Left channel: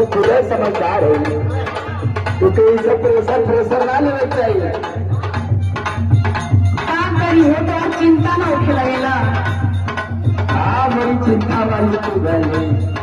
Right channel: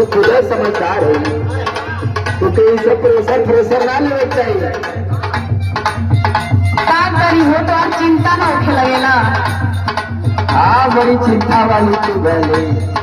तू खुद समझदार है, तो इसे प्रेशर ना लेना चाहिए। काम करी हो तो और चिंता ना उठे लगेला। हाँ, बड़ी चिंता वाली तू गली।